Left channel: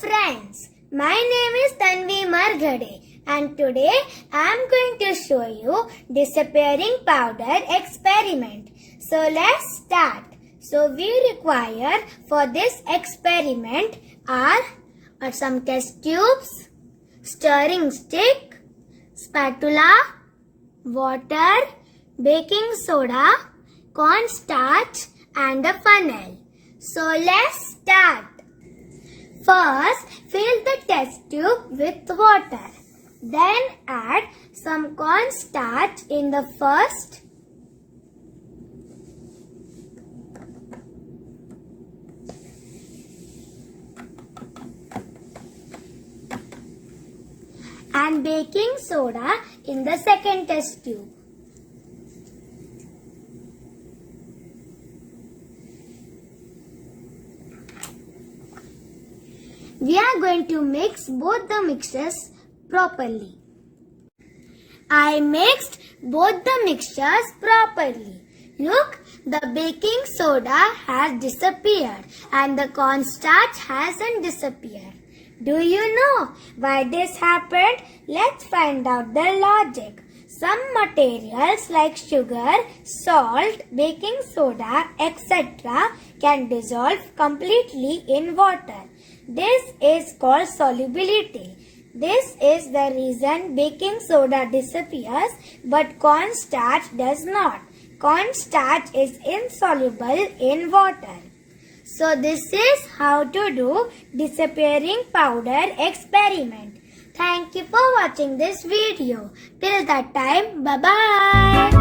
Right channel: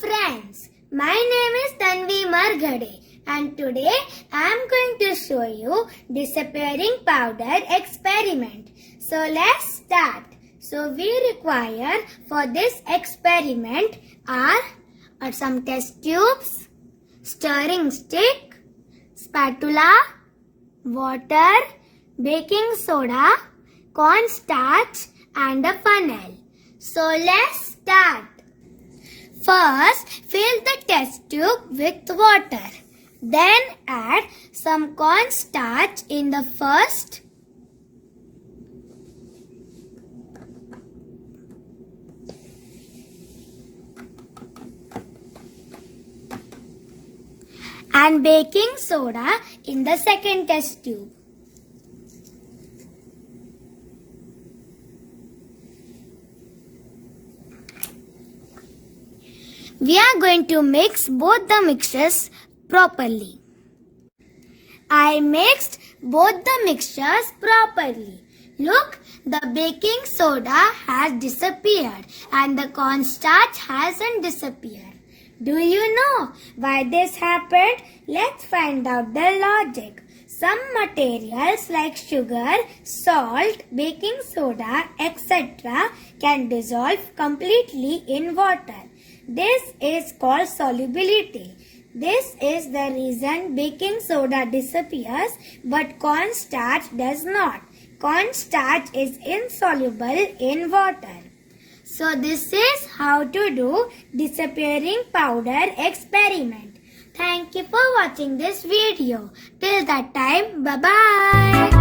friends, my name is Tanvi Marghade and today I am going to show you disappearing powder experiment. So let's start. So we require for this experiment are some test tubes, stirring stick, spatula, water, baking soda, cornstarch and a funnel. So let's start. First, fill the test tube with water. Then add some cornstarch in the first and baking soda in the second test tube. We are going to mix both the mixtures properly. I mixed both the mixtures properly. Look, the baking soda has disappeared and the cornstarch hasn't disappeared. Do you know why this happened? Let's find out the logic. Some materials like sugar, salt, baking soda, etc. can dissolve completely in water. This is called solubility. This is the reason baking soda disappears but cornstarch does not. Cornstarch is insoluble in water. So this is how to do disappearing powder experiment. Thank you for watching this video. Till that time, bye-bye.